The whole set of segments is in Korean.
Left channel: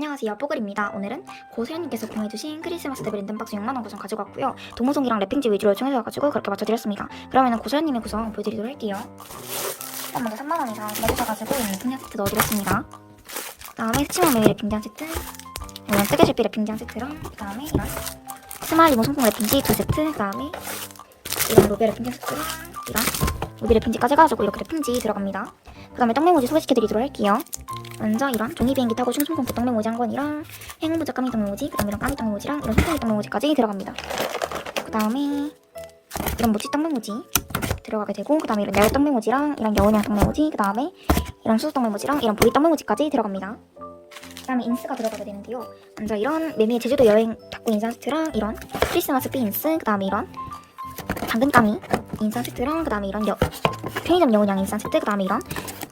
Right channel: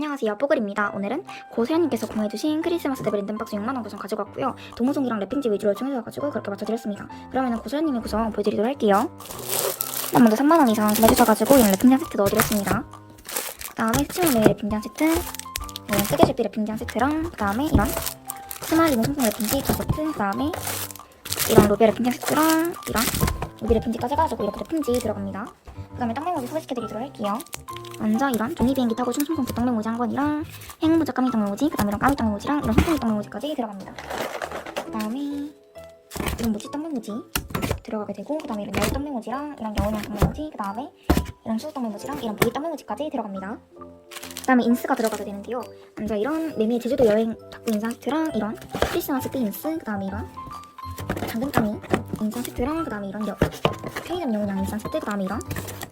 안녕하세요, 뽀글입니다. 오늘은 고소연님께서 공유해주신 크리스마스 데브 랜덤박스 6만원 구성 가지고 왔고요. 도무송이랑 랩핑지 위주로 요청해주셔가지고 그렇게 맞춰드렸습니다. 그러면은 고소연님의 구성 보여드리도록 할게요. 일단 먼저 3만원 이상 구매해주셔가지고 이런 랩핑지 한 세트 넣어드렸습니다. 그 다음에 스치마 메이 랩핑지 한 세트, 이런 뜨개질비 랩핑지 한 세트랑 그 다음에 이런 스마일리모 송송 랩핑지 두 세트, 그 다음에 이런 로비아 랩핑지 한 세트랑 이런 로비 랩핑지까지 해가지고 이렇게 랩핑지 들어갑니다. 그 다음에 떡메모지 소개시켜드리도록 할게요. 먼저 이런 종이 비행기 타고 슝송송기 떡메모지 한 권이랑 행운부자 까미 떡메모지, 그 다음에 이런 까미 떡메모지랑 이런 송송이 떡메모지까지 들어갑니다. 그 다음에 이런 모찌 떡메모지 들어가게 되고, 그 다음에 이런 야외 떡메모지랑 이런 여운양 떡메모지, 그 다음에 이런 수수 떡메모지랑 이런 보리 떡메모지까지 들어갑니다. 그 다음에 인스가 들어가게 되는데요. 먼저 이런 매미의 제주도 여행 닭고 인사 세트랑 이런 크리스마스 피 인스, 그 다음에 이런 당근까미 인사 세트랑 그 다음에 이런 편의점 여운양 인사 세트, 그 다음에 이런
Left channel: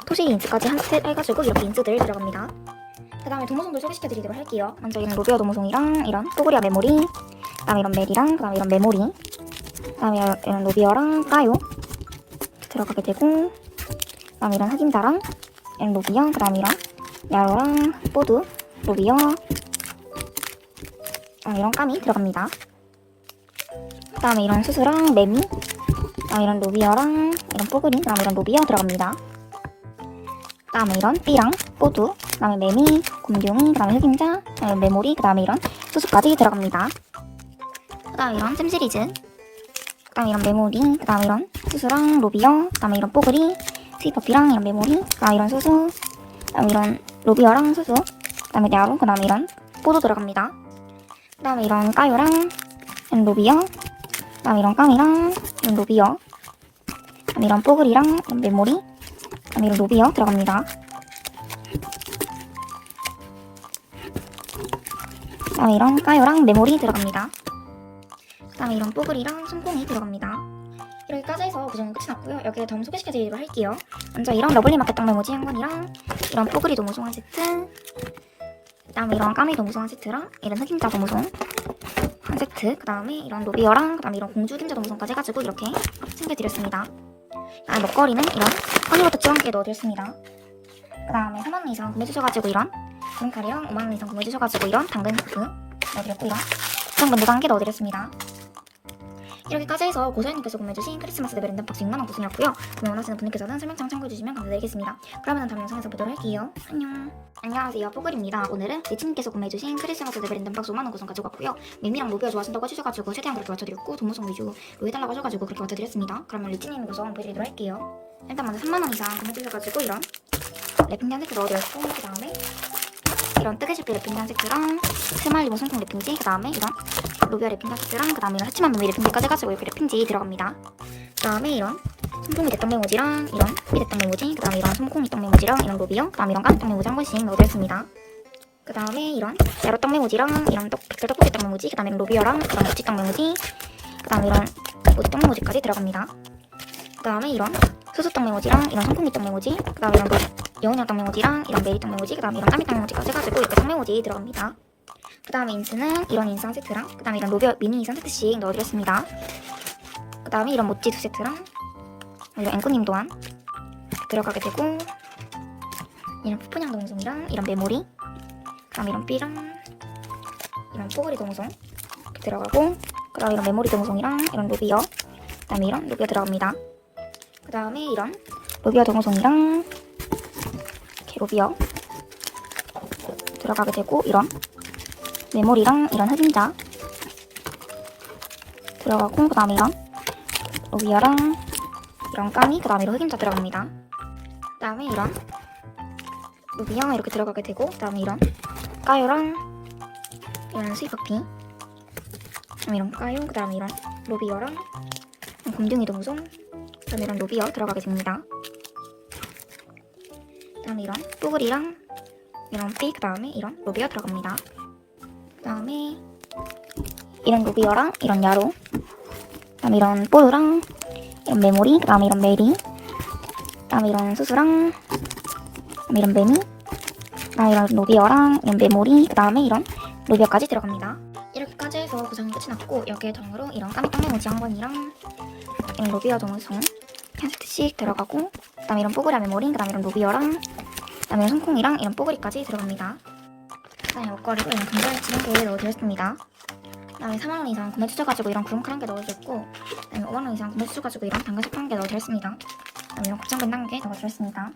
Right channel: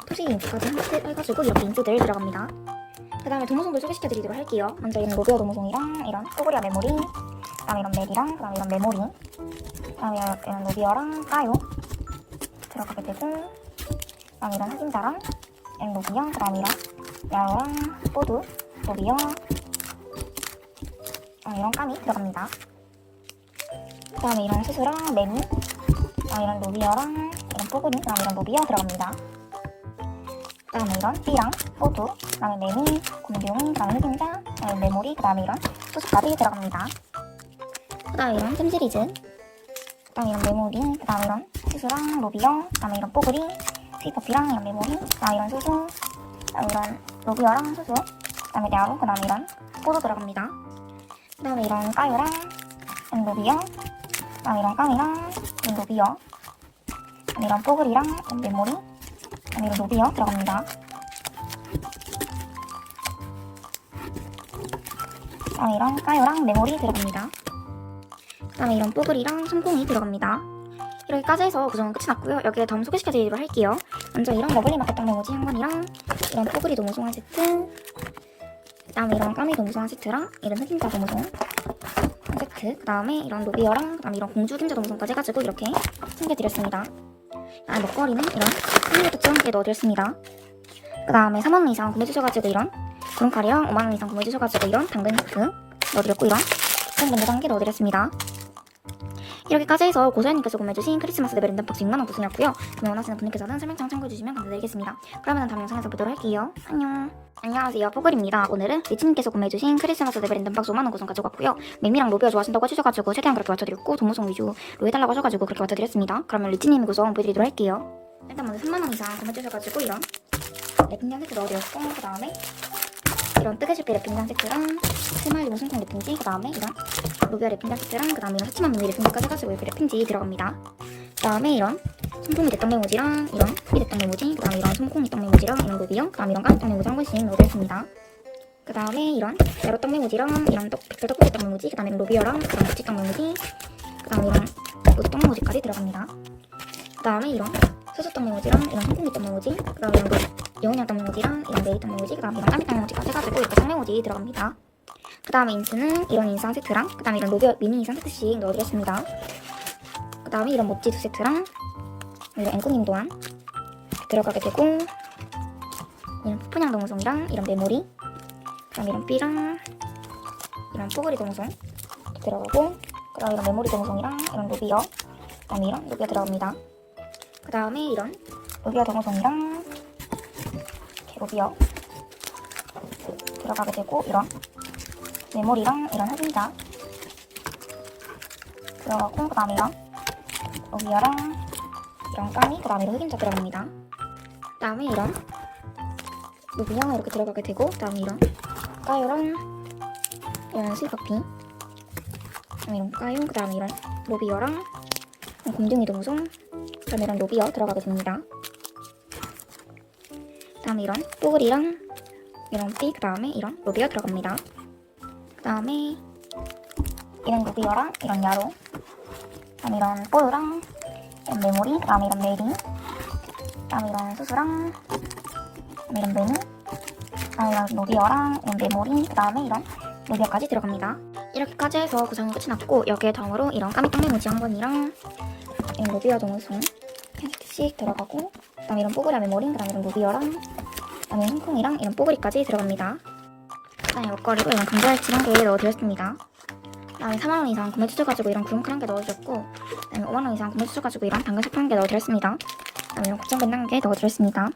토시리 인스까지 한 세트 해가지고 이렇게 인스들 들어갑니다. 그 다음에 도무송들 소개시켜드리도록 할게요. 먼저 이런 로비아 도무송이랑 이런 또구리아 메모리, 그 다음에 이런 멜이랑 그 다음에 이런 메모리, 그 다음에 이런 로비아랑 까요 들어가게 되고, 그 다음에 이런 흑임자랑 이런 로비아, 그 다음에 이런 야로랑 뽀드, 로비아, 이런 까미 들어갑니다. 그 다음에 이런 수수랑 매미, 그 다음에 이런 로비아랑 이런 뽀글이, 그 다음에 이런 로비아 들어갑니다. 그 다음에 이런 삐랑 뽀드, 그 다음에 매미, 곰룡이, 그 다음에 흑임자, 그 다음에 메모리, 그 다음에 이런 수수까지 들어갑니다. 그 다음에 이런 샘 시리즈, 그 다음에 이런 메모리, 그 다음에 이런 수수랑 로비아, 그 다음에 이런 뽀글이, 스위퍼피랑 이런 메모리, 그 다음에 이런 수수, 그 다음에 이런 로비아랑 수수, 그 다음에 야루, 그 다음에 이런 뽀드 들어갑니다. 그 다음에 이런 까요랑 이런 로비아, 그 다음에 이런 까미랑 이런 로비아, 그 다음에 이런 뽀글이랑 이런 메모리, 그 다음에 이런 로비아 들어갑니다. 그 다음에 이런 까요랑 메모리 들어갑니다. 그 다음에 이런 뽀글이랑 손콩이 들어갑니다. 이렇게까지 해서 구성은 끝이 났고요. 여기에 덤 소개시켜드리도록 할게요. 먼저 이런 러블리마켓 떡메모지 한 권이랑 이런 뽀글이 도무송 한 세트, 그 다음에 이런 까미 도무송 한 세트랑 이런 흑임자 도무송 한 세트, 그 다음에 이런 로비어랑 그 다음에 이런 공주 흑임자 도무송까지 해가지고 이렇게 챙겨드렸습니다. 먹거리는 이런 허니버터 함께 넣어드렸습니다. 그 다음에 3만원 이상 구매해주셔가지고 이런 구름카레랑 5만원 이상 구매해주셔가지고 이런 당근 스프 넣어드렸고, 이런 당근도 함께 넣어드렸습니다. 이렇게까지 해서 고소연님께서 구매해주신 크리스마스 데브 랜덤박스 6만원 구성이었고요. 구매 원하시는 분들께서는 설명창 참고해주시면 감사드리겠습니다. 그러면 다음 영상에서 보도록 할게요. 안녕. 안녕하세요, 뽀글입니다. 오늘은 리치님께서 구매해주신 크리스마스 데브 랜덤박스 5만원 구성 가지고 왔고요. 매미랑 로비아 좋아하신다고 해주셔가지고 최대한 그렇게 맞춰드렸고, 도무송 위주로 해달라고 하셔가지고 그렇게 맞춰드렸습니다. 그러면 리치님 구성 보여드리도록 할게요. 일단 먼저 3만원 이상 구매해주셔가지고 이런 랩핑지 한 세트 넣어드렸고, 그 다음에 이런 뜨개질비 랩핑지 한 세트랑 스마일리모 송송 랩핑지, 그 다음에 이런 로비아 랩핑지 한 세트랑 그 다음에 이런 하치만 메미 랩핑지까지 해가지고 이렇게 랩핑지 들어갑니다. 그 다음에 이런 손콩이 대떡 메모지랑 이런 삐 대떡 메모지, 그 다음에 이런 손콩이 떡 메모지랑 이런 로비어, 그 다음에 이런 까미 떡 메모지 한 권씩 넣어드렸습니다. 그 다음에 이런 야로 떡 메모지랑 이런 백설 떡볶이 떡 메모지, 그 다음에 이런 로비어랑 이런 모찌 떡 메모지, 그 다음에 이런 모찌 떡 메모지까지 들어갑니다. 그 다음에 이런 수수 떡 메모지랑 이런 손콩이 떡 메모지, 그 다음에 이런 여운양 떡 메모지랑 이런 메리 떡 메모지, 그 다음에 이런 까미 떡 메모지까지 해가지고 이렇게 떡 메모지 들어갑니다. 그 다음에 인스는 이런 인스 한 세트랑 그 다음에 이런 로비어 미니 인스 한 세트씩 넣어드렸습니다. 그 다음에 이런 모찌 두 세트랑 이런 앵꾸님 또한 들어가게 되고, 이런 푸푸냥 도무송이랑 이런 메모리, 그 다음에 이런 삐랑 이런 뽀글이 도무송 이렇게 들어가고, 그 다음에 이런 메모리 도무송이랑 이런 로비어, 그 다음에 이런 로비어 들어갑니다. 그 다음에 이런 로비어 도무송이랑 이렇게 로비어 들어가게 되고, 이런 메모리랑 이런 흑임자 들어가고, 그 다음에 이런 로비아랑 이런 까미, 그 다음에 이런 흑임자 들어갑니다. 그 다음에 이런 로비아 이렇게 들어가게 되고, 그 다음에 이런 까요랑 이런 스위퍼피, 그 다음에 이런 까요, 그 다음에 이런 로비어랑 이런 곰둥이 도무송, 그 다음에 이런 로비어 들어가게 됩니다. 그 다음에 이런 뽀글이랑 이런 삐, 그 다음에 이런 로비어 들어갑니다. 그 다음에 이런 로비어랑 이런 야로, 그 다음에 이런 뽀드랑 이런 메모리, 그 다음에 이런 메리, 그 다음에 이런 수수랑 이런 메미, 그 다음에 이런 로비어랑 이런 메모리, 그 다음에 이런 로비어까지 들어갑니다. 이렇게까지 해서 구성은 끝이 났고, 여기에 덤으로 이런 까미 떡 메모지 한 권이랑 이런 로비어 도무송 한 세트씩 들어가고, 그 다음에 이런 뽀글이와 메모리, 그 다음에 이런 로비어랑 그 다음에 손콩이랑 이런 뽀글이까지 들어갑니다. 그 그다음에 먹거리로 이런 감자액 1개 넣어드렸습니다. 그다음에 4만원 이상 구매 주셔가지고 이런 구름칼 1개 넣어드렸고, 그다음에 5만원 이상 구매 주셔가지고 이런 당근 샤프 1개 넣어드렸습니다. 그다음에 이런 국장밴 1개 넣어드렸습니다.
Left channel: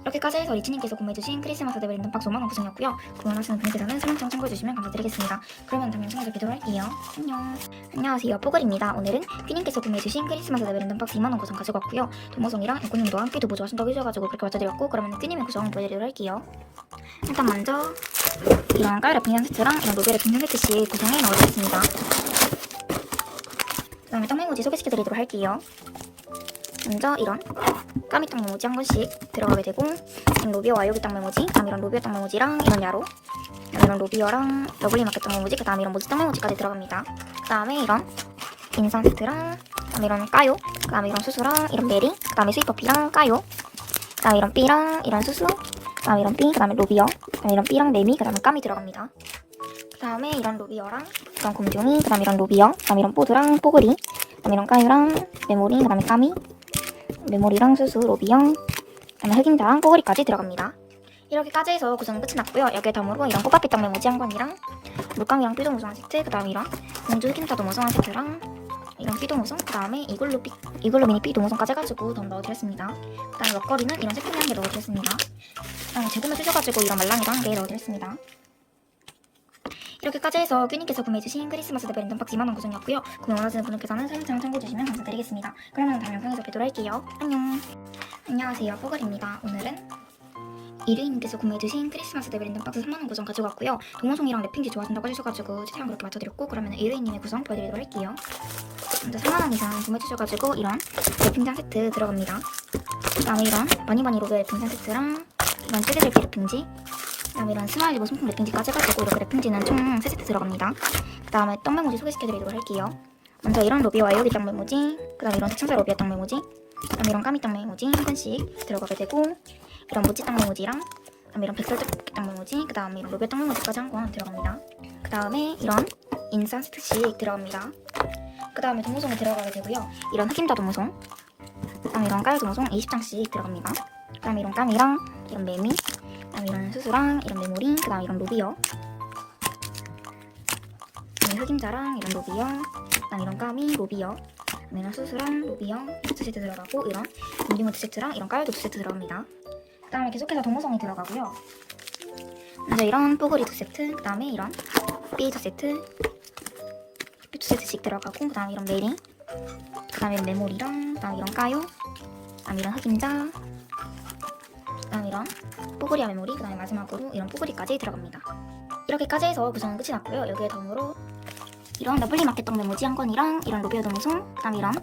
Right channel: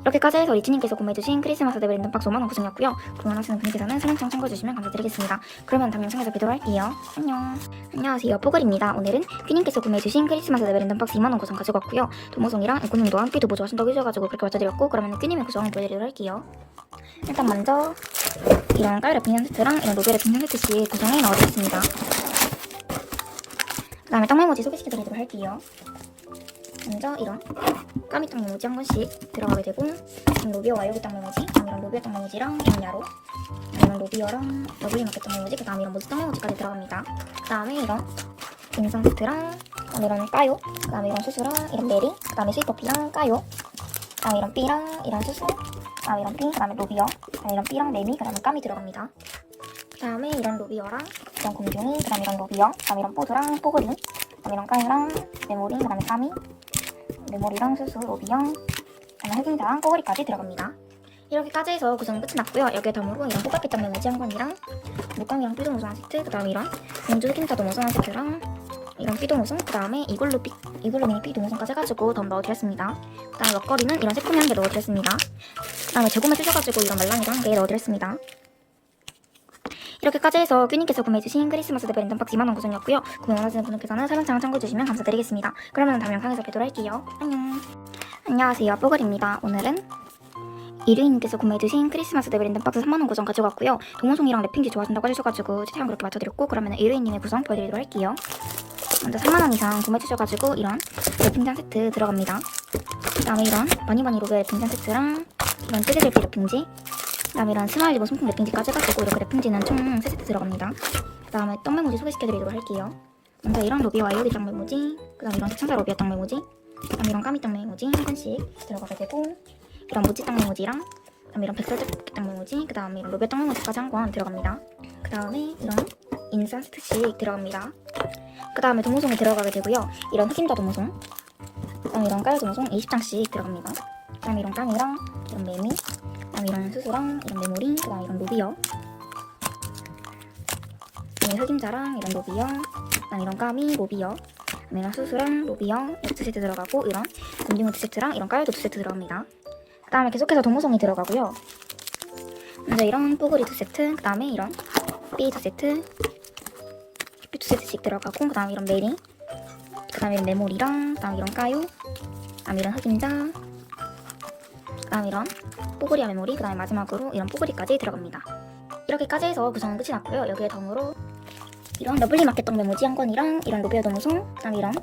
이렇게까지 해서 이치님께서 구매해주신 크리스마스 데브 랜덤 박스 5만원 구성이었고요. 구매하시는 분께서는 설명창 참고해주시면 감사드리겠습니다. 그러면 다음 영상에서 뵙도록 할게요. 안녕. 안녕하세요, 뽀글입니다. 오늘은 퀴님께서 구매해주신 크리스마스 데브 랜덤 박스 2만원 구성 가지고 왔고요. 도모송이랑 앵꼬님도 함께 도보 좋아하신다고 해주셔가지고 그렇게 맞춰드렸고, 그러면 퀴님의 구성 보여드리도록 할게요. 일단 먼저 이런 깔 랩핑 세트랑 이런 노벨 랩핑 세트씩 구성해 넣어드렸습니다. 그 다음에 떡 메모지 소개시켜드리도록 할게요. 먼저 이런 까미 떡 메모지 한 권씩 들어가게 되고, 로비어 와이오기 떡 메모지, 그 다음 이런 로비어 떡 메모지랑 이런 야로, 이런 로비어랑 러블리 마켓 떡 메모지, 그 다음에 이런 모지 떡 메모지까지 들어갑니다. 그 다음에 이런 인상 세트랑, 그 다음에 이런 까요, 그 다음에 이런 수수랑 이런 메리, 그 다음에 스위퍼피랑 까요, 그 다음에 이런 삐랑 이런 수수, 그 다음에 이런 삐, 그 다음에 로비어, 그 다음에 이런 삐랑 메미, 그 다음에 까미 들어갑니다. 그 다음에 이런 로비어랑 이런 곰둥이, 그 다음에 이런 로비어, 그 다음에 이런 뽀드랑 뽀글이, 그 다음에 이런 까유랑 메모리, 그 다음에 까미, 메모리랑 수수, 로비어, 그 다음에 흑임자랑 뽀글이까지 들어갑니다. 이렇게까지 해서 구성은 끝이 났고요. 여기에 덤으로 이런 꽃바피 떡 메모지 한 권이랑 물감이랑 삐도 무송 한 세트, 그 다음에 이런 공주 흑임자도 무송 한 세트랑 이런 삐도 무송, 그 다음에 이글루 미니 삐도 무송까지 해가지고 덤 넣어드렸습니다. 그 다음에 먹거리는 이런 새콤이 한 개 넣어드렸습니다. 그 다음에 재구매 주셔가지고 이런 말랑이도 한 개 넣어드렸습니다. 이렇게까지 해서 큐님께서 구매해주신 크리스마스 데브 랜덤 박스 2만원 구성이었고요. 구매 원하시는 분들께서는 설명창 참고해주시면 감사드리겠습니다. 그러면 다음 영상에서 뵙도록 할게요. 안녕. 안녕하세요, 뽀글입니다. 오늘은 이르이님께서 구매해주신 크리스마스 데브 랜덤 박스 3만원 구성 가지고 왔고요. 동호송이랑 랩핑지 좋아하신다고 해주셔가지고 채팅을 그렇게 맞춰드렸고, 그러면 이르이님의 구성 보여드리도록 할게요. 먼저 3만원 이상 구매해주셔가지고 이런 랩핑지 세트 들어갑니다. 그 다음에 이런 바니바니 로베 랩핑지 세트랑 이런 찌개들기 랩핑지, 그 다음에 이런 스마일 리본 손품 랩핑지까지 해가지고 이렇게 랩핑지는 총 3세트 들어갑니다. 그 다음에 떡 메모지 소개시켜드리도록 할게요. 먼저 이런 로비 와이오기 떡 메모지, 그 다음에 이런 대천사 로비아 떡 메모지, 그 다음에 이런 까미 떡 메모지 한 권씩 들어가게 되고, 이런 모찌 떡 메모지랑, 그 다음에 이런 백설 떡 메모지, 그 다음에 이런 로비아 떡 메모지까지 한 권 들어갑니다. 그 다음에 이런 인산 세트씩 들어갑니다. 그 다음에 도무송에 들어가게 되고요. 이런 흑임자 도무송, 그 다음에 이런 깔 도무송 20장씩 들어갑니다. 그 다음에 이런 까미랑 이런 메미, 그 다음에 이런 수수랑 이런 메모리, 그 다음에 이런 로비어, 그 다음에 흑임자랑 이런 로비어, 그 다음에 이런 까미, 로비어, 그 다음에 이런 수수랑 로비어 2세트 들어가고, 이런 곰딩어 2세트랑 이런 깔도 2세트 들어갑니다. 그 다음에 계속해서 도무송이 들어가고요. 먼저 이런 뽀글이 2세트, 그 다음에 이런 삐 2세트, 삐 2세트씩 들어가고, 그 다음에 이런 메리, 그 다음에 이런 메모리랑, 그 다음에 이런 까요, 그 다음에 이런 흑임자, 그 다음에 이런 뽀글이와 메모리, 그 다음에 마지막으로 이런 뽀글이까지 들어갑니다. 이렇게까지 해서 구성은 끝이 났고요. 여기에 덤으로 이런 러블리 마켓 떡 메모지 한 권이랑 이런 로비어 도무송, 그 다음에 이런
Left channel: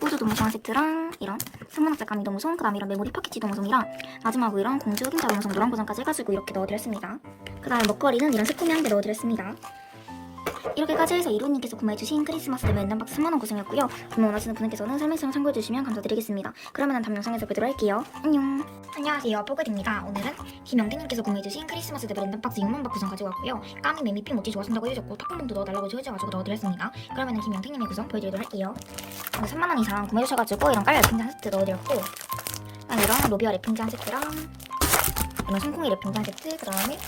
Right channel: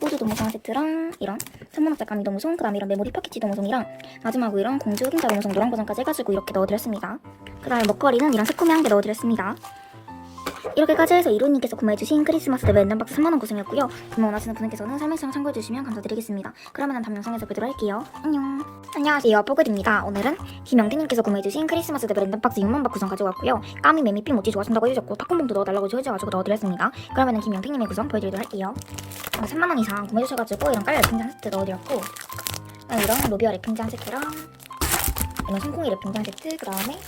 우주 도무송 한 세트랑 이런 천문학자 까미 도무송, 그 다음에 이런 메모리 파키치 도무송이랑 마지막으로 이런 공주 흑임자 도무송 노란 버전까지 해가지고 이렇게 넣어드렸습니다. 그 다음에 먹거리는 이런 새콤이 한 개 넣어드렸습니다. 이렇게까지 해서 이루님께서 구매해주신 크리스마스 데브 랜덤 박스 3만원 구성이었고요. 구매 원하시는 분께서는 설명창 참고해주시면 감사드리겠습니다. 그러면 다음 영상에서 뵙도록 할게요. 안녕. 안녕하세요, 뽀글입니다. 오늘은 김영태님께서 구매해주신 크리스마스 데브 랜덤 박스 6만박 구성 가지고 왔고요. 까미, 메미, 삐, 모찌 좋아하신다고 해주셨고 팝콘봉도 넣어달라고 해주셔가지고 넣어드렸습니다. 그러면 김영태님의 구성 보여드리도록 할게요. 3만원 이상 구매해주셔가지고 이런 깔 랩핑지 한 세트 넣어드렸고, 이런 로비어 랩핑지 한 세트랑 이런 손콩이 랩핑지 한 세트, 그 다음에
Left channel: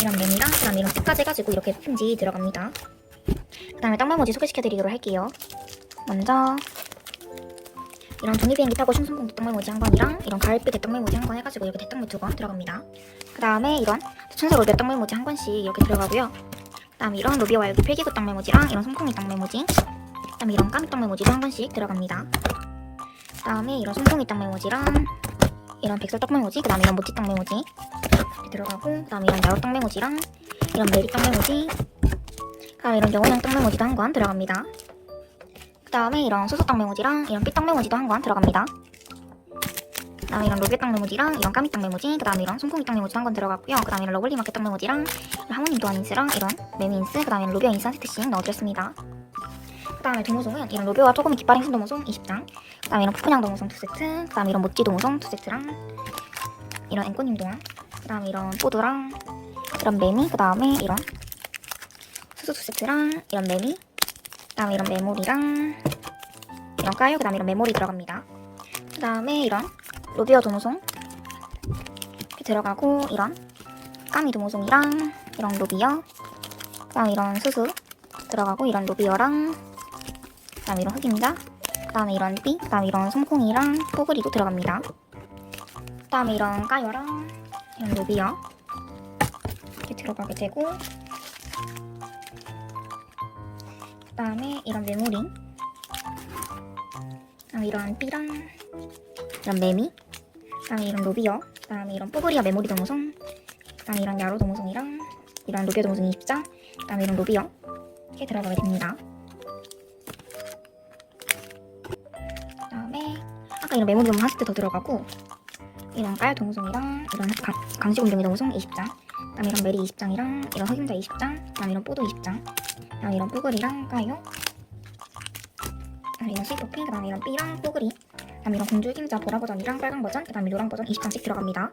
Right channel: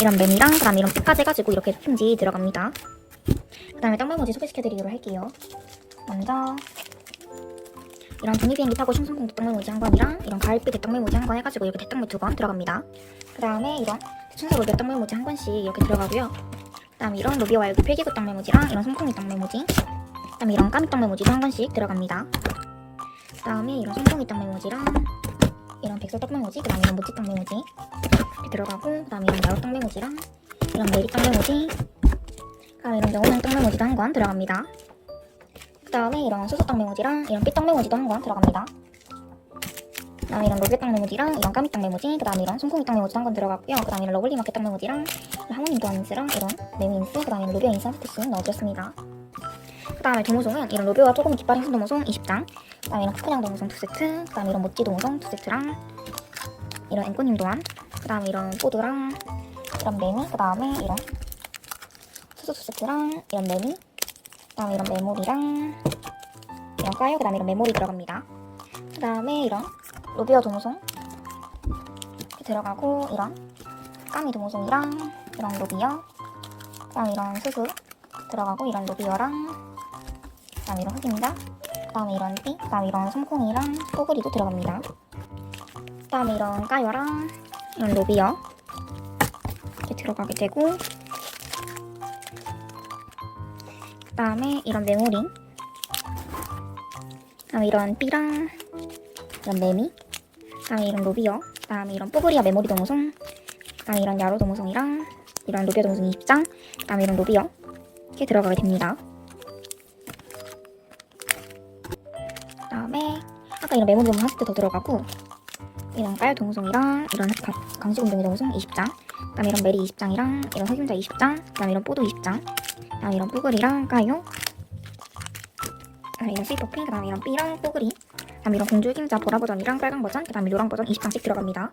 이런 메미랑, 그 다음에 이런 삐까지 해가지고 이렇게 랩핑지 들어갑니다. 그 다음에 떡 메모지 소개시켜드리도록 할게요. 먼저 이런 종이비행기 타고 슝송콩 대떡 메모지 한 권이랑 이런 가을빛 대떡 메모지 한 권 해가지고 이렇게 대떡 메 2권 들어갑니다. 그 다음에 이런 천사 로비어 떡 메모지 한 권씩 이렇게 들어가고요. 그 다음에 이런 로비어 와이오기 필기구 떡 메모지랑 이런 손콩이 떡 메모지, 그 다음에 이런 까미 떡 메모지도 한 권씩 들어갑니다. 그 다음에 이런 손콩이 떡 메모지랑 이런 백설 떡 메모지, 그 다음에 이런 모찌 떡 메모지 이렇게 들어가고, 그 다음에 이런 야로 떡 메모지랑 이런 메리 떡 메모지, 그 다음에 이런 영혼향 떡 메모지도 한 권 들어갑니다. 그 다음에 이런 소소 떡 메모지랑 이런 삐떡 메모지도 한 권 들어갑니다. 그 다음에 이런 로비어 떡 메모지랑 이런 까미 떡 메모지, 그 다음에 이런 손콩이 떡 메모지도 한 권 들어갔고요. 그 다음에 이런 러블리 마켓 떡 메모지랑 이런 하모님 도안 인스랑 이런 메미 인스, 그 다음에 이런 로비어 인스 한 세트씩 넣어드렸습니다. 그 다음에 도무송은 이런 로비어와 조금 깃발 행신 도무송 20장, 그 다음에 이런 푸푸냥 도무송 2세트, 그 다음에 이런 모찌 도무송 2세트랑 이런 앵꼬님 도안, 그 다음에 이런 뽀드랑 이런 메미, 그 다음에 이런 수수 2세트랑 이런 메미, 그 다음에 이런 메모리랑 이런 까요, 그 다음에 이런 메모리 들어갑니다. 그 다음에 이런 로비어 도무송 이렇게 들어가고, 이런 까미 도무송이랑 이런 로비어, 그다음 이런 수수 들어가고 이런 로비어랑 그다음 이런 흑임자, 그다음에 이런 삐, 그다음 이런 솜콩이랑 뽀글이도 들어갑니다. 그다음에 이런 까요랑 이런 로비어 이렇게 들어가게 되고, 그다음에 이런 메모링, 그다음에 이런 삐랑 이런 메미, 그다음에 이런 로비어, 그다음에 이런 뽀글이와 메모리 도무송, 그다음에 이런 야로 도무송이랑 이런 로비어 도무송 20장, 그다음에 이런 로비어 이렇게 들어가게 됩니다. 그다음에 아까 이런 메모리 도무송 40대 더 들어가고, 이런 까요 동송이랑 이런 강시 공룡이 동송 20장, 그다음에 이런 메리 20장이랑 이런 흑임자 20장, 그다음에 이런 뽀도 20장, 그다음에 이런 뽀글이랑 까요, 그다음에 이런 스위퍼핑, 그다음에 이런 삐랑 뽀글이, 그다음에 이런 공주 흑임자 보라 버전이랑 빨강 버전, 그다음에 노랑 버전 20장씩 들어갑니다.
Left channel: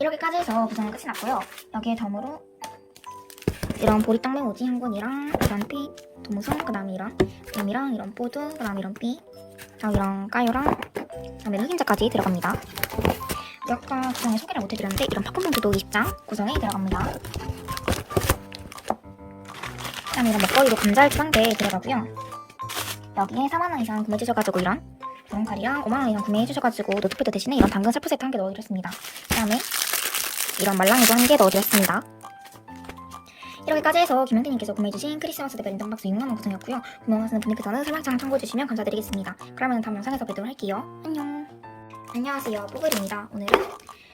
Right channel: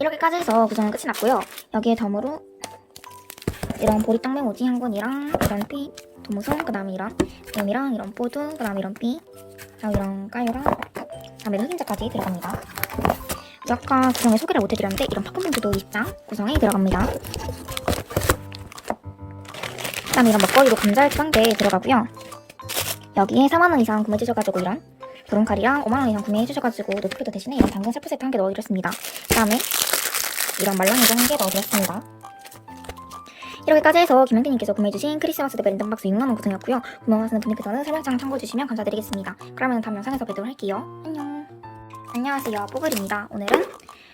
이렇게까지 해서 구성은 끝이 났고요. 여기에 덤으로 이런 보리 땅 메모지 한 권이랑 이런 피 도무송, 그다음에 이런 뱀이랑 이런 뽀드, 그다음에 이런 삐, 그다음에 이런 까요랑 그다음에 흑임자까지 들어갑니다. 아까 구성에 소개를 못해드렸는데 이런 팝콘봉투도 20장 구성에 들어갑니다. 그다음에 이런 먹거리도 감자알치 1개 들어가고요. 여기에 4만원 이상 구매해주셔가지고 이런 브론칼이랑 5만원 이상 구매해주셔가지고 노트패드 대신에 이런 당근 셀프 세트 1개 넣어드렸습니다. 그다음에 이런 말랑이도 1개 넣어드렸습니다. 이렇게까지 해서 김현태님께서 구매해주신 크리스마스 대 랜덤박스 6만원 구성이었고요. 구매하시는 분들께서는 설명창 참고해주시면 감사드리겠습니다. 그러면 다음 영상에서 뵙도록 할게요. 안녕. 안녕하세요, 뽀글입니다. 오늘은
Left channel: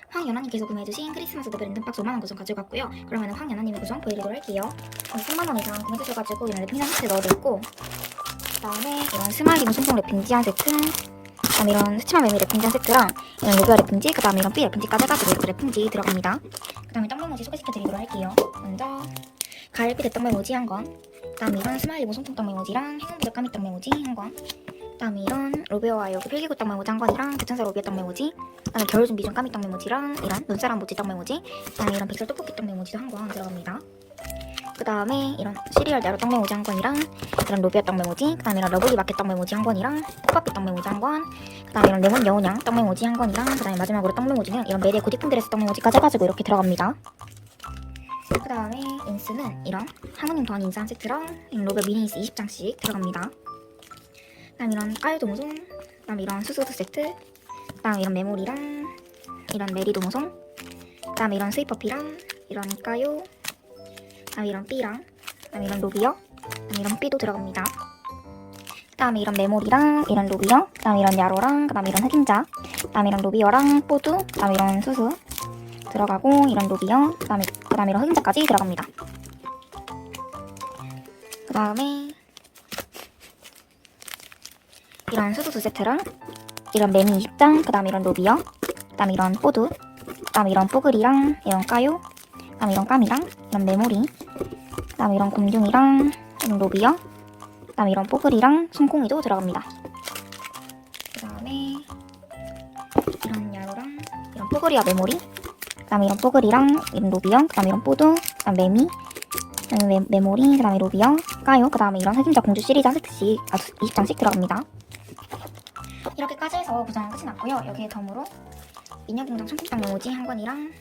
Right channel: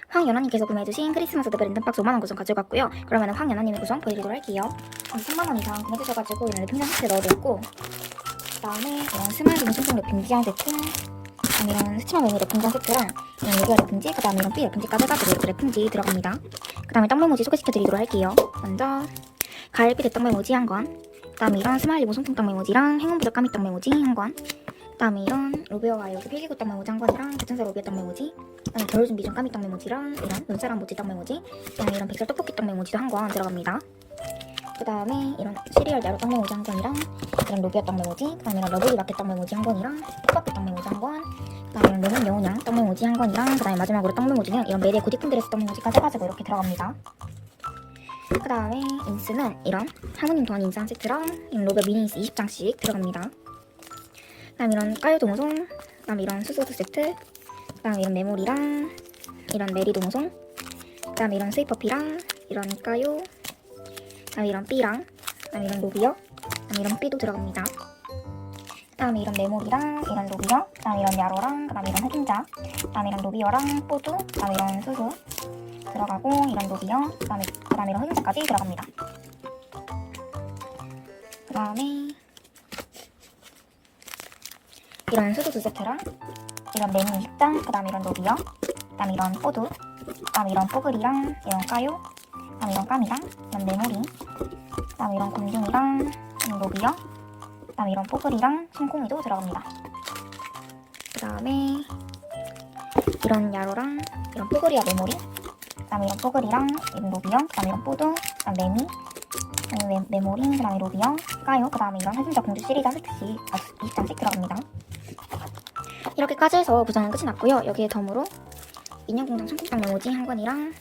황연아님께서 구매해주신 크리스마스 대 랜덤박스 5만원 구성 가져갔고요. 그러면 황연아님의 구성 보여드리도록 할게요. 3만원 이상 구매해주셔가지고 이런 랩핑 세트 넣어드렸고, 그 다음에 이런 스마일링 손톱 랩핑지 한 세트, 그 다음에 이런 스치마 메미 랩핑지 한 세트랑 이런 로그아 랩핑지, 그 다음에 이런 삐 랩핑지까지 해가지고 이렇게 랩핑지 들어갑니다. 그 다음에 떡메모지 소개시켜드리도록 할게요. 먼저 가을비 대떡메모지 한 권, 그 다음에 이런 스마일링 손톱 떡메모지랑 행운부적 까미 떡메모지 한 권, 그 다음에 이런 로베어와 여기 필기구 떡메모지 한 권이랑 대천사 로비어 떡메모지, 그 다음에 겨울 준비 중 까미 떡메모지랑 이런 눈사람 모찌 떡메모지, 그 다음에 이런 백설 떡볶이 떡메모지도 한 권 들어갑니다. 그 다음에 이런 시리얼 야로 떡메모지 한 권이랑 이런 로비아 떡메모지, 그 다음에 이런 러블리 마켓 떡메모지 한 권이랑 호박빛 떡메모지 한 권, 그 다음에 이런 레몬 여운양 떡메모지 한 권이랑 그 다음에 마지막으로 떡메모지는 이런 메리의 고딕분 드레스 떡메모지까지 해가지고 이렇게 들어갑니다. 그 다음에 인스는 이런 하모님 더한 인스 한 세트랑 이런 로베 미니 인스 20장씩 들어갑니다. 그 다음에 이런 까요 도무송, 그 다음에 이런 수수드 세트, 그 다음에 이런 메모리랑 이런 메리 도무송, 그 다음에 이런 스위퍼피랑 이런 까요, 그 다음에 이런 삐랑, 그 다음에 이런 로비어, 그 다음에 이런 삐도 들어갑니다. 그 다음에 이런 메모리랑 이런 로비어, 그 다음에 이런 야로랑, 그 다음에 이런 흑임자, 그 다음에 이런 로비어랑 뽀드, 그 다음에 이런 수수 들어가고 이런 로비어, 그 다음에 이런 흑임자까지 들어갑니다. 그 다음에 이런 수수 2세트랑 이런 메미 20장, 그 다음에 이런 로비어, 그 다음에 이런 뽀드, 그 다음에 이런 뽀글이랑 이런 까요, 그 다음에 이런 까미랑 이런 메모리, 그 다음에 이런 곰둥이랑 이런 로비어, 그 다음에 이런 뽀글이랑 손콩이도 들어갑니다. 그 다음에 이런 야로랑 이런 뽀글이와 메모리, 그 다음에 이런 뽀글이랑 이런 로비어, 그 다음에 이런 뽀드, 그 다음 메미, 그 다음에 메모리, 그 다음에 로비어, 까요, 그 다음에 이런 흑임자 공주 시리즈 한 세트씩 20장씩 들어갑니다. 이렇게까지 해서 구성은 끝이 났고요. 여기에 덤으로 인형공장 청국장 메모지 한 권이랑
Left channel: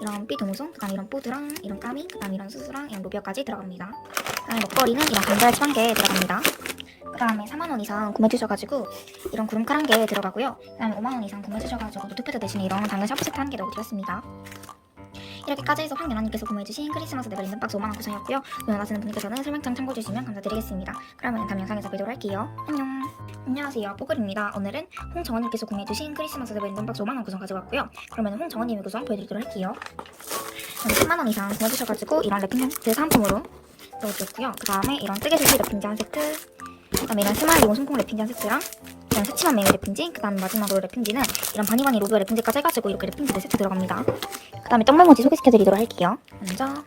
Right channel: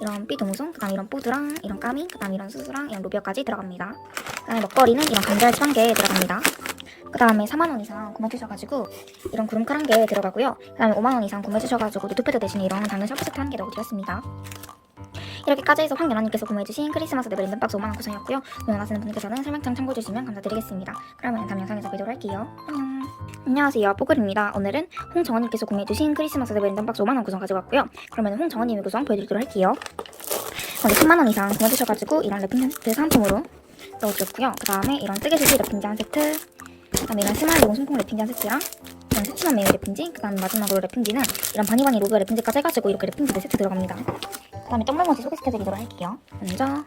이런 삐 도무송, 그 다음에 이런 뽀드랑 이런 까미, 그 다음에 이런 수수랑 이런 로비어까지 들어갑니다. 그 다음에 먹거리는 이런 감자알치 1개 들어갑니다. 그 다음에 4만원 이상 구매해주셔가지고 이런 구름칼 1개 들어가고요. 그 다음에 5만원 이상 구매해주셔가지고 노트패드 대신에 이런 당근 샤프 세트 1개 넣어드렸습니다. 이렇게까지 해서 황연아님께서 구매해주신 크리스마스 대 랜덤박스 5만원 구성이었고요. 구매하시는 분들께서는 설명창 참고해주시면 감사드리겠습니다. 그러면 다음 영상에서 뵙도록 할게요. 안녕. 안녕하세요, 뽀글입니다. 오늘은 홍정원님께서 구매해주신 크리스마스 대 랜덤박스 5만원 구성 가져갔고요. 그러면 홍정원님의 구성 보여드리도록 할게요. 먼저 10만원 이상 구매해주셔가지고 이런 랩핑 세트 사은품으로 넣어드렸고요. 그 다음에 이런 뜨개수지 랩핑지 한 세트, 그 다음에 이런 스마일리고 손콩 랩핑지 한 세트랑 이런 새침한 메이 랩핑지, 그 다음에 마지막으로 랩핑지는 이런 바니바니 로브어 랩핑지까지 해가지고 이렇게 랩핑지 4세트 들어갑니다. 그 다음에 떡메모지 소개시켜드리도록 할게요. 먼저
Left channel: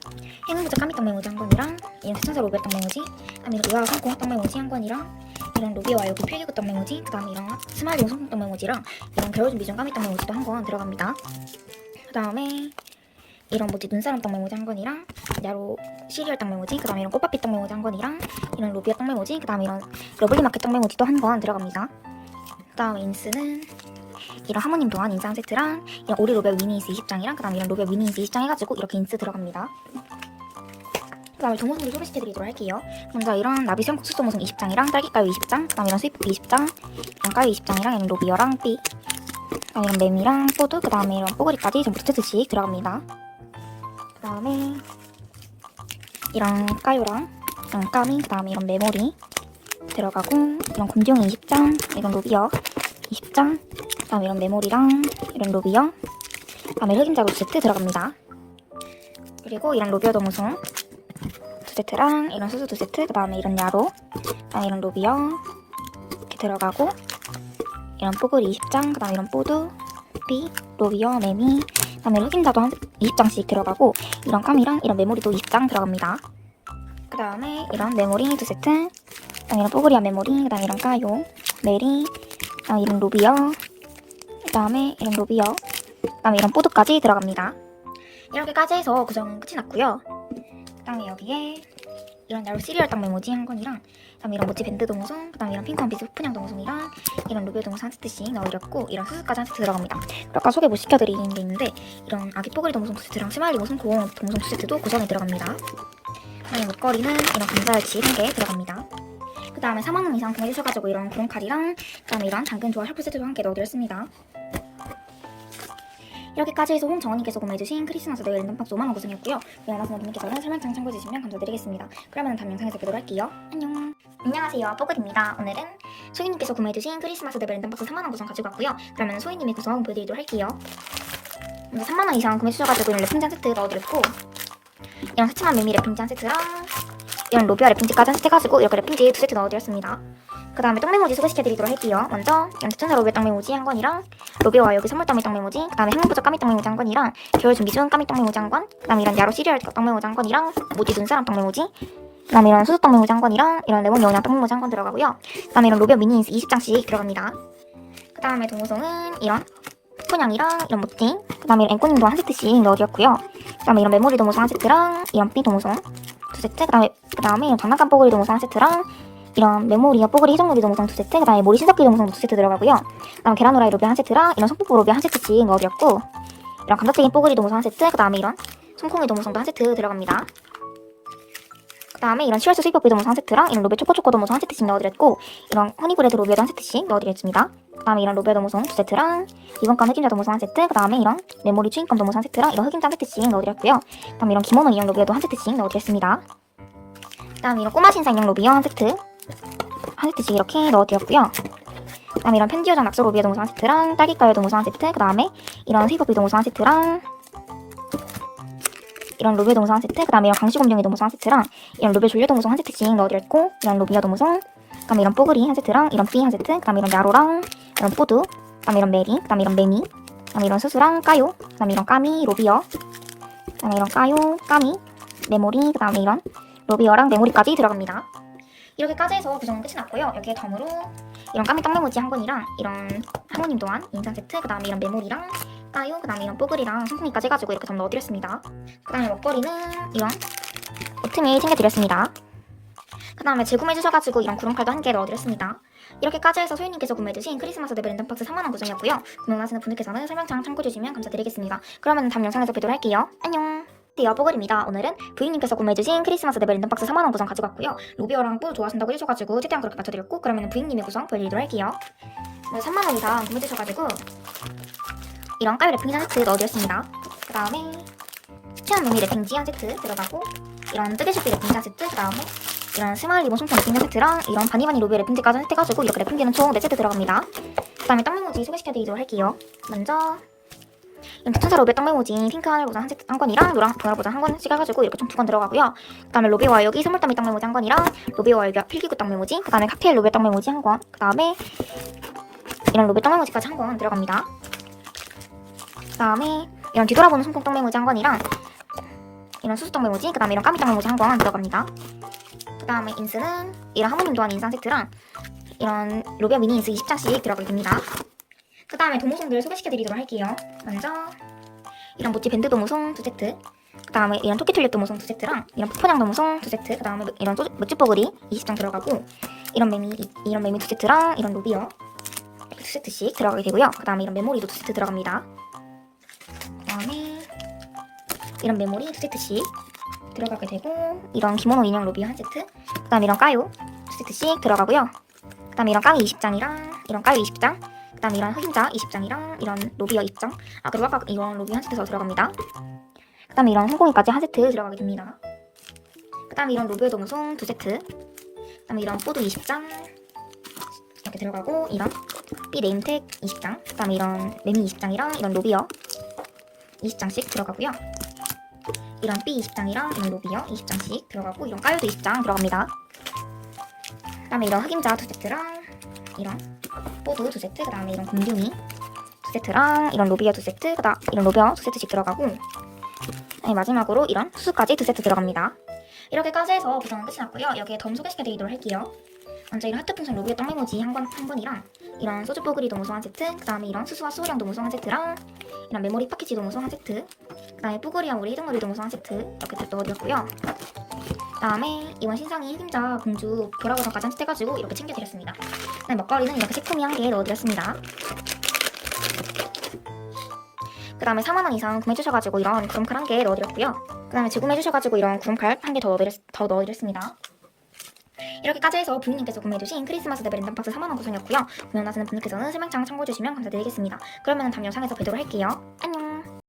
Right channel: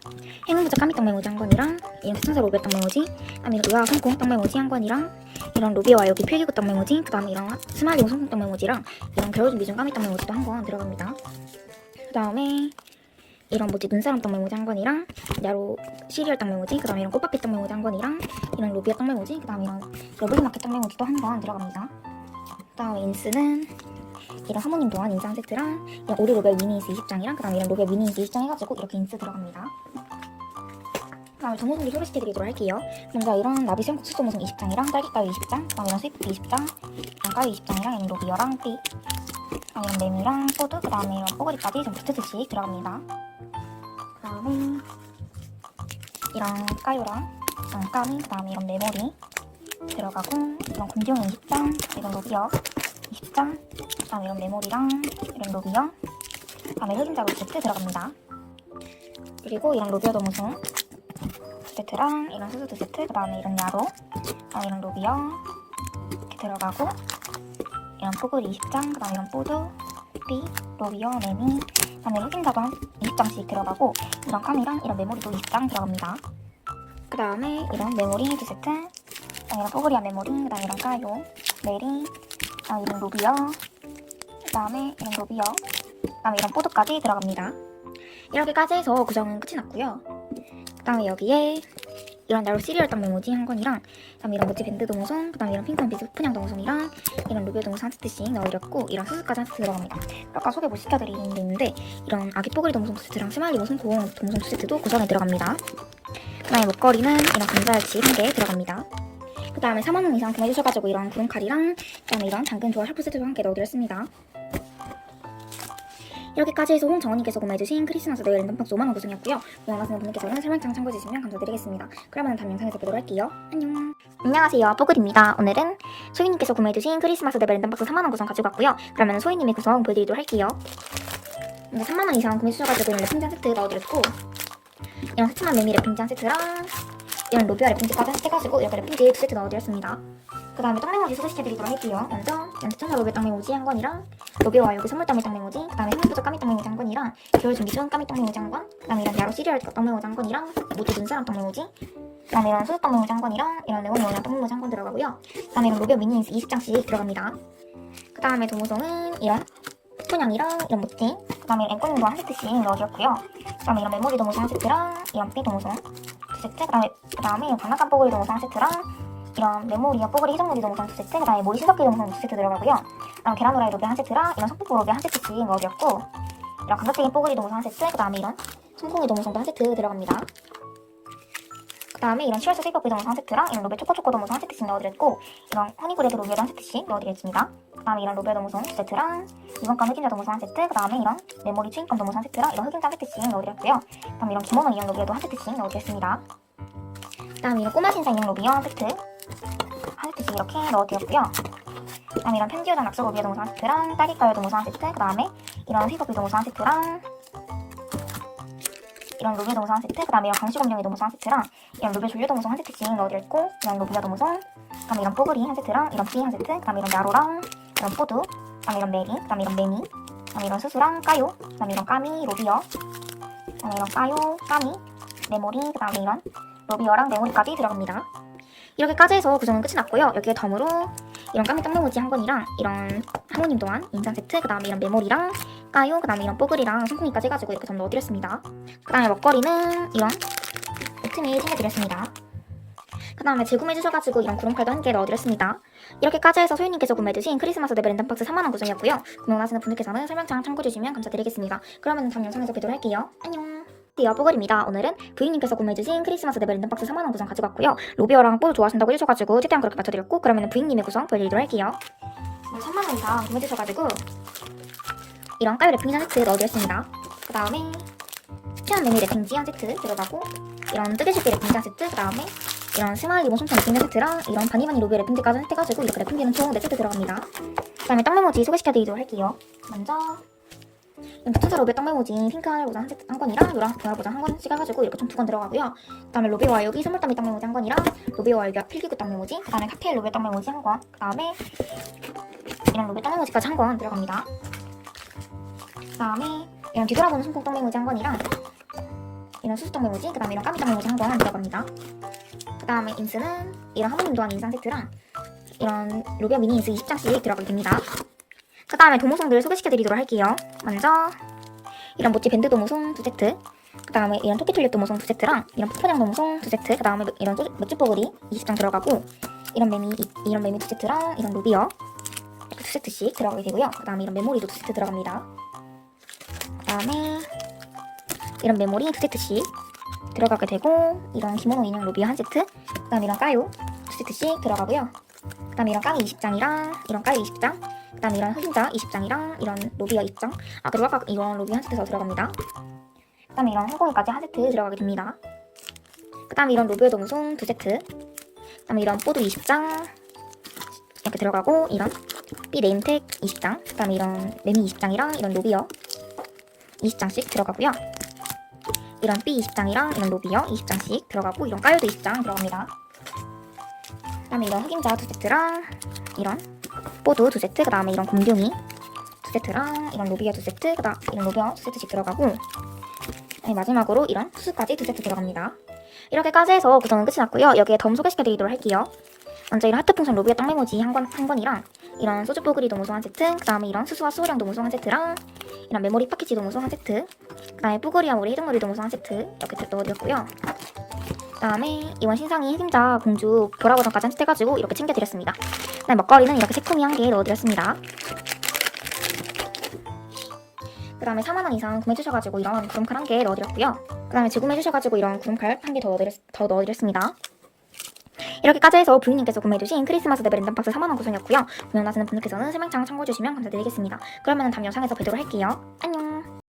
행운부적 까미 떡메모지 한 권이랑 이런 대천사 로비어 떡메모지, 그 다음에 이런 의아 손콩 떡메모지 한 권이랑 이런 로비어와 여기 필기구 떡메모지, 그 다음에 이런 스마일리고 손콩 떡메모지랑 이런 겨울 준비 중 까미 떡메모지도 한 권 들어갑니다. 그 다음에 이런 뭐지 눈사람 떡메모지 한 권이랑 야로 시리얼 떡메모지, 그 다음에 이런 꽃밥빛 떡메모지 한 권이랑 이런 로비어 떡메모지, 그 다음에 이런 러블리 마켓 떡메모지도 한 권 들어갑니다. 그 다음에 인스는 이런 하모님 도안 인스 한 세트랑 이런 오리 로베 위니 인스 20장이랑 그 다음에 이런 로베 위니 인스 20장 해가지고 이렇게 인스 들어갑니다. 다음에 도모송들 소개시켜드리도록 할게요. 먼저 이런 나비수염 국수 도모송 20장이랑 딸기가루 20장, 그 다음에 이런 수입 20장, 이런 가위 20장이랑 이런 로비어랑 삐, 그 다음에 이런 매미랑 포도, 그 다음에 이런 뽀글이까지 전부 2세트씩 들어갑니다. 그 다음에 이런 까요랑 이런 까미, 그 다음에 이런 메모리 들어가고, 이런 곰종이 20장, 이런 로비어 20장, 그 다음에 이런 메모리랑 이런 로비어, 그 다음에 흑임자루 2세트 들어갑니다. 그리고 이런 로비어 도무송 2세트랑 이런 수수 2세트, 그 다음에 이런 야로, 그 다음에 이런 로비어 이렇게 들어가고, 이런 뽀글이 20장, 그 다음에 이런 뽀드, 삐, 로비어, 매미, 그 다음에 흑임자도 20장씩 들어가고, 이런 까미랑 이런 메모리도 20장 들어갑니다. 그 다음에 이런 메모리 2세트, 그 다음에 이런 뽀글이와 메모리, 그 다음에 이런 까요, 메리, 그 다음에 이런 로비어, 그 다음에 이런 로비어, 그 다음에 이런 뽀드까지 들어갑니다. 이렇게까지 해서 구성은 끝이 났고요. 그 다음에 여기에 이런 나로 시리얼 땅 메모지 한 건이랑, 그 다음에 이런 모찌 밴드 도무송, 그 다음에 이런 핑크원 비즈 푸냥 도무송이랑 이런 로비어 도무송 한 세트씩 넣어드렸고, 이런 수수까지 한 세트 들어갑니다. 아까 소개 못 시켜드린 게 있는데, 이런 아기 뽀글이 도무송 2세트랑 스마일리 모송콩 도무송 2세트도 구성에 들어갑니다. 그 다음에 목걸이는 이런 감자알치 1개 들어갑니다. 그 다음에 4만원 이상 구매해주셔가지고 이런 구름칼이랑, 그 다음에 이런 당근 조화 샤프 세트도 함께 넣어드렸습니다. 이렇게까지 해서 홍정원님께서 구매해주신 크리스마스 네일 랜덤박스 5만원 구성이었고요. 구매하시는 분들께서는 설명창 참고해주시면 감사드리겠습니다. 그러면 다음 영상에서 뵙도록 할게요. 안녕. 안녕하세요, 뽀글입니다. 오늘은 소희님께서 구매해주신 크리스마스 네일 랜덤박스 3만원 구성 가지고 왔고요. 그러면 소희님의 구성 보여드리도록 할게요. 먼저 3만원 이상 구매해주셔가지고 이런 랩핑지 한 세트 넣어드렸고, 이런 새침한 매미 랩핑지 한 세트랑 이런 로비아 랩핑지까지 한 세트 해가지고 이렇게 랩핑지 2세트 넣어드렸습니다. 그 다음에 떡메모지 소개시켜드리도록 할게요. 먼저 이런 대천사 로비아 떡메모지 한 건이랑 로비아와 여기 선물 떡메 떡메모지, 그 다음에 행운부적 까미 떡메모지 한 건이랑 겨울 준비순 까미 떡메모지 한 건, 그 다음에 이런 야로 시리얼 떡메모지 한 건이랑 모지 눈사람 떡메모지, 그 다음에 이런 수수 떡메모지 한 건이랑 이런 레몬 여우냥 떡메모지 한 건 들어가고요. 그 다음에 이런 로비아 미니 인스 20장씩 들어갑니다. 그 다음에 도무송은 이런 푸냥이랑 이런 모찌, 그 다음에 이런 앵꼬님도 한 세트씩 넣어드렸고요. 그 다음에 이런 메모리 도무송 한 세트랑 이런 삐 도무송 2세트, 그 다음에 이런 장난감 뽀글이 도무송 한 세트랑 이런 메모리와 뽀글이 희정로비 도무송 2세트, 그 다음에 모리 신석기 도무송 2세트 들어가고요. 그 다음에 계란 후라이 로비 한 세트랑 이런 속뽀뽀 로비 한 세트씩 넣어드렸고, 이런 감자튀김 뽀글이 도무송 한 세트, 그 다음에 이런 손콩이 도무송도 한 세트 들어갑니다. 그 다음에 이런 시월스 스위퍼비 도무송 한 세트랑 이런 로베 초코초코 도무송 한 세트씩 넣어드렸고, 이런 허니브레드 로비에도 한 세트씩 넣어드렸습니다. 그 다음에 이런 로베 도무송 2세트랑 이번간 흑임자 도무송 한 세트, 그 다음에 이런 메모리 추인껌 도무송 한 세트랑 이런 흑임자 한 세트씩 넣어드렸고요. 그 다음에 이런 김원원 인형 로비에도 한 세트씩 넣어드렸습니다. 그 다음에 이런 꼬마 신사 인형 로비어 한 세트 한 세트씩 이렇게 넣어드렸고요. 그 다음에 이런 펜디오장 낙서 로비어 도무송 한 세트랑 딸기가요 도무송 한 세트, 그 다음에 이런 스위퍼비 도무송 한 세트랑 이런 로비어 도무송 한 세트, 그 다음에 이런 강시곰룡이 도무송 한 세트랑 이런 로비어 졸려 도무송 한 세트씩 넣어드렸고, 이런 로비어 도무송, 그 다음에 이런 뽀글이 한 세트랑 이런 삐 한 세트, 그 다음에 이런 야로랑 이런 푸드, 그 다음에 이런 메리, 그 다음에 이런 매미, 그 다음에 이런 수수랑 까요, 그 다음에 이런 까미 로비어, 그 다음에 이런 까요 까미 메모리, 그 다음에 이런 로비어랑 메모리까지 들어갑니다. 이렇게까지 해서 구성은 끝이 났고요. 여기에 덤으로 이런 까미 떡메모지 한 건이랑 이런 하모님 또한 인상 세트, 그 다음에 이런 메모리랑 까요, 그 다음에 이런 뽀글이랑 손콩이까지 해가지고 이렇게 덤 넣어드렸습니다. 그 다음에 먹거리는 이런 오트밀 챙겨드렸습니다. 그 다음에 재구매해주셔가지고 이런 구름칼도 한 개 넣어드렸습니다. 이렇게까지 해서 소희님께서 구매해주신 크리스마스 네일 랜덤박스 3만원 구성이었고요. 구매하시는 분들께서는 설명창 참고해주시면 감사드리겠습니다. 그러면 다음 영상에서 뵙도록 할게요. 안녕. 뽀글입니다. 오늘은 부인님께서 구매해주신 크리스마스 네일 랜덤박스 3만원 구성 가지고 왔고요. 로비어랑 뽀 좋아하신다고 해주셔가지고 최대한 그렇게 맞춰드렸고, 그러면 부인님의 구성 보여드리도록 할게요. 3만원 이상 구매해주셔가지고 이런 까요 랩핑지 한 세트 넣어드렸습니다. 그 다음에 치안 메미 랩핑지 한 세트 들어가고, 이런 뜨개실비 랩핑지 한 세트, 그 다음에 이런 스마일 리본 손톱 랩핑지 세트랑 이런 바니바니 로비어 랩핑지까지 세트해가지고 이렇게 랩핑지는 총 4세트 들어갑니다. 그 다음에 떡메모지 소개시켜드리도록 할게요. 먼저 이런 대천사 로비어 떡메모지 핑크 하늘 보자 한 건이랑 노랑 보라 보자 한 건씩 해가지고 이렇게 총 2건 들어가고요. 그 다음에 로비와 여기 선물더미 떡메모지 한 건이랑 로비와 여기 필기구 떡메모지, 그 다음에 칵테일 로비어 떡메모지 한 건, 그 다음에 이런 로비어 떡메모지까지 한 건 들어갑니다. 그 다음에 이런 뒤돌아보는 손톱 떡메모지 한 건이랑 이런 수수 떡메모지, 그 다음에 이런 까미 떡메모지 한 건 들어갑니다. 그 다음에 인스는 이런 하모님 또한 인상 세트랑 이런 로비아 미니 인스 20장씩 들어가게 됩니다. 그 다음에 도무송들 소개시켜드리도록 할게요. 먼저 이런 모찌 밴드 도무송 2세트, 그 다음에 이런 토끼 튤립 도무송 2세트랑 이런 푸푸냥 도무송 2세트, 그 다음에 이런 멋지뽀글이 20장 들어가고, 이런 매미 2세트랑 이런 로비어 2세트씩 들어가게 되고요. 그 다음에 이런 메모리도 2세트 들어갑니다. 그 다음에 이런 메모리 2세트씩 들어가게 되고, 이런 기모노 인형 로비어 한 세트, 그 다음 이런 까요 두 세트씩 들어가고요. 그 다음 이런 까기 20장이랑 이런 까요 20장, 그 다음 이런 흑임자 20장이랑 이런 로비어 20장, 그리고 아까 이런 로비 한 세트 더 들어갑니다. 그 다음에 이런 홍콩이까지 한 세트 들어가게 됩니다. 그 다음에 이런 로비어 동송 두 세트, 그 다음에 이런 뽀드 20장 이렇게 들어가고, 이런 B 네임택 20장, 그 다음에 이런 매미 20장이랑 이런 로비어 20장씩 들어가고요. 이런 B 20장이랑 이런 로비어 20장씩 들어가고, 이런 까요도 20장 들어갑니다. 그 다음에 이런 흑임자 두 세트랑 이런 뽀드 두 세트, 그 다음에 이런 곰둥이 두 세트랑 이런 로비어 두 세트, 그 다음 이런 로비어 두 세트씩 들어가고, 마지막으로 이런 수수까지 두 세트 들어갑니다. 이렇게까지 해서 구성은 끝이 났고요. 여기에 덤 소개시켜드리도록 할게요. 먼저 이런 하트 풍선 로비어 땅 메모지 한 건이랑 이런 소주 뽀글이 도무송 한 세트, 그 다음에 이런 수수와 수호령 도무송 한 세트랑 이런 메모리 파키지 도무송 한 세트, 그 다음에 뽀글이와 우리 희둥놀이 도무송 한 세트 이렇게 넣어드렸고요. 그 다음에 이번 신상이 흑임자 공주 보라버전까지 한 세트 해가지고 이렇게 챙겨드렸습니다. 그 다음에 먹거리는 이렇게 새콤이 한 개 넣어드렸습니다. 그 다음에 4만원 이상 구매해주셔가지고 이런 구름칼 한 개 넣어드렸고요. 그 다음에 재구매해주셔가지고 이런 구름칼 한 개 더 넣어드렸습니다. 이렇게까지 해서 부인님께서 구매해주신 크리스마스 레벨 랜덤박스 4만원 구성이었고요. 구매하시는 분들께서는 설명창 참고해주시면 감사드리겠습니다. 그러면 다음 영상에서 뵙도록 할게요. 안녕.